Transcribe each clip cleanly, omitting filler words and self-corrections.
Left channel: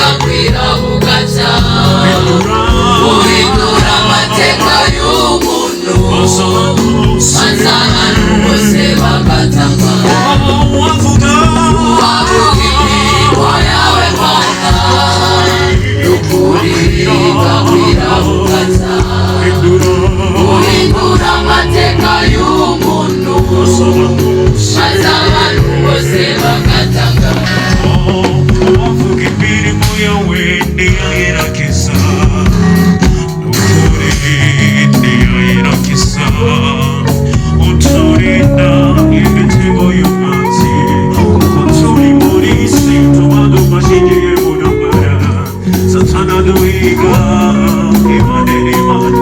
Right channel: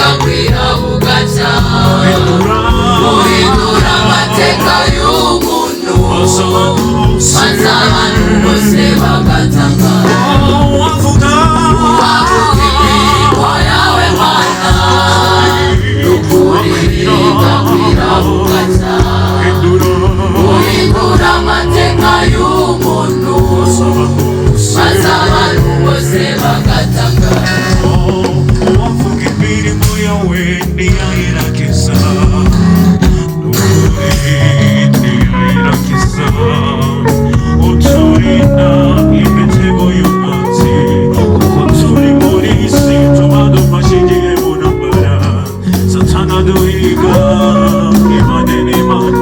bugakwira bugaca uhindura amateka y'umuntu maze abantu bose bagatangara wavuga imirimo yawe Mana n'ukuri bugakwira bugaca uhindura amateka y'umuntu maze abantu bose bagatangara wavuga imirimo yawe ntiyayirangiza n'ukuri ntiyayirangiza uturinda imitego y'umwanzi kuko turi muri isi tuba dufashigiye mu ntambara satana duhiga imane n'imane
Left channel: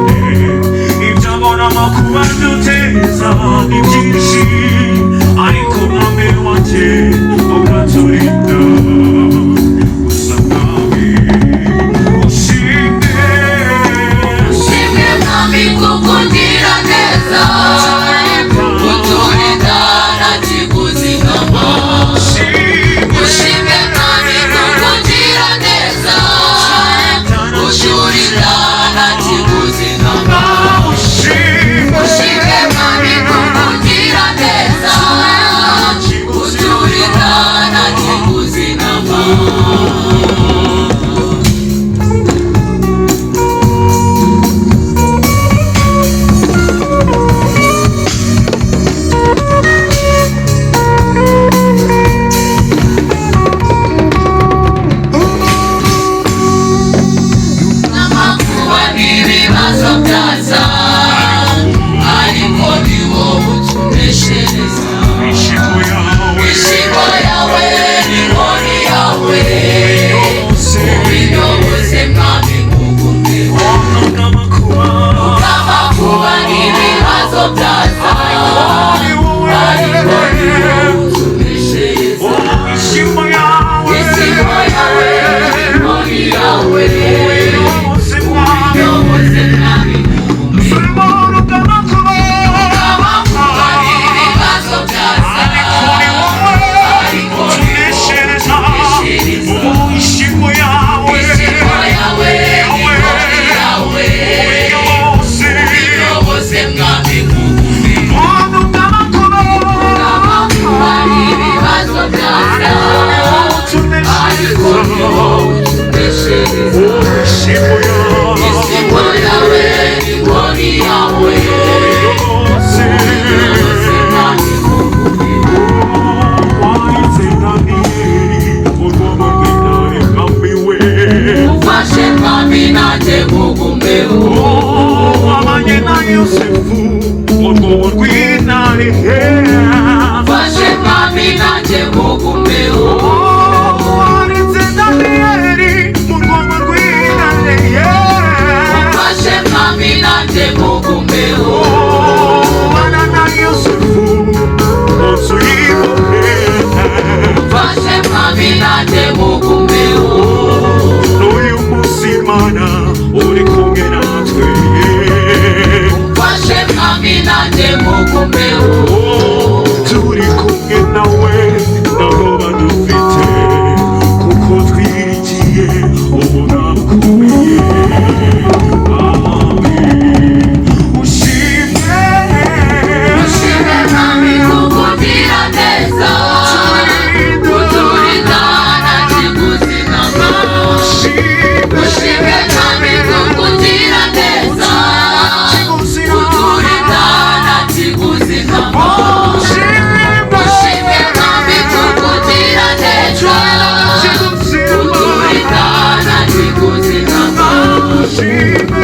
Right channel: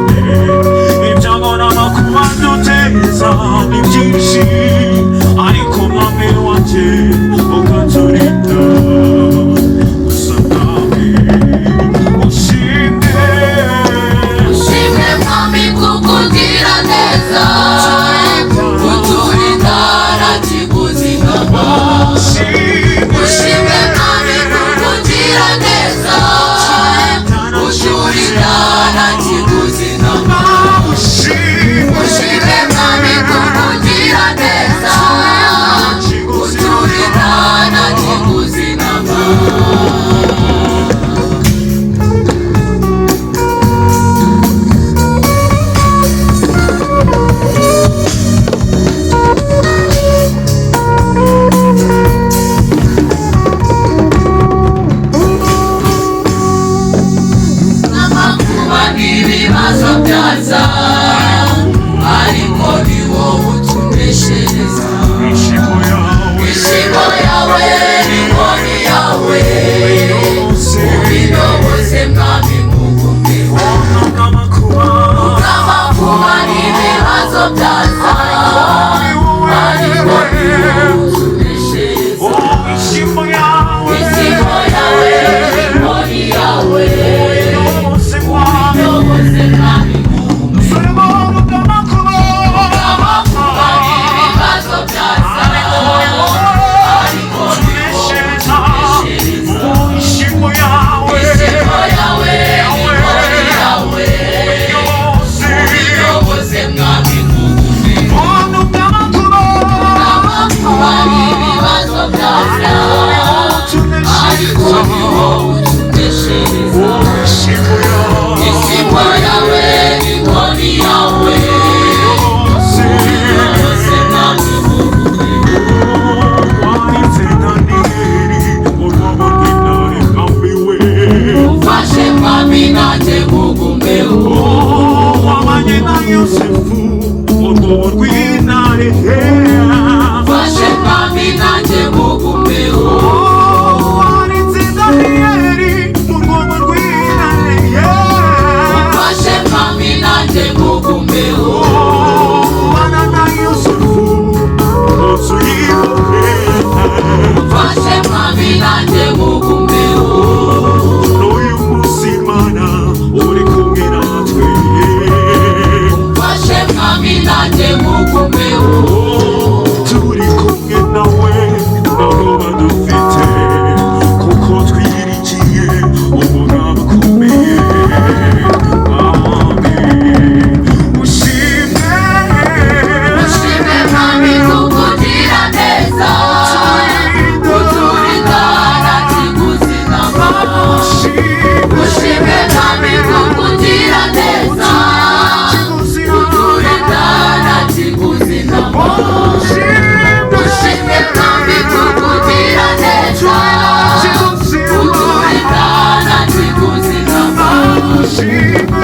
ibyago n'amakuba duteza ni byinshi ariko umwami wanjye ukaturinda gusa mwami ushimwe mwami kuko ugira neza uturinda nta kiguzi nkama ushimwe mwami kuko ugira neza uturinda nta kiguzi nkama ushimwe mwami kuko ugira neza uturinda nta kiguzi nkama n'amakuba n'ibibazo byaza ariko ni wowe utuneshereza ishimo yawe n'inkoni yawe ubiyoboze mwami ngugumeho n'amakuba n'ibibazo byaza ariko ni wowe utuneshereza ishimo yawe n'inkoni yawe ubiyoboze mwami n'amakuba n'ibibazo byaza ariko ni wowe utuneshereza ishimo yawe n'inkoni yawe ubiyoboze mwami ngugumeho n'amakuba n'ibibazo byaza ariko ni wowe utuneshereza ishimo yawe n'inkoni yawe ubiyoboze mwami ufashe mwami nanjye ngugumeho ufashe mwami nanjye ngugumeho ufashe mwami nanjye ngugumeho ufashe mwami nanjye ngugumeho ufashe mwami nanjye ngugumeho turi kumwe nawe nabo badufite kuko twirigiye umunara ukomeye ushimwe mwami kuko ugira neza uturinda nta kiguzi nkama ushimwe mwami kuko ugira neza uturinda nta kiguzi nkama ushimwe mwami kuko ugira neza uturinda nta kiguzi nkama ushimwe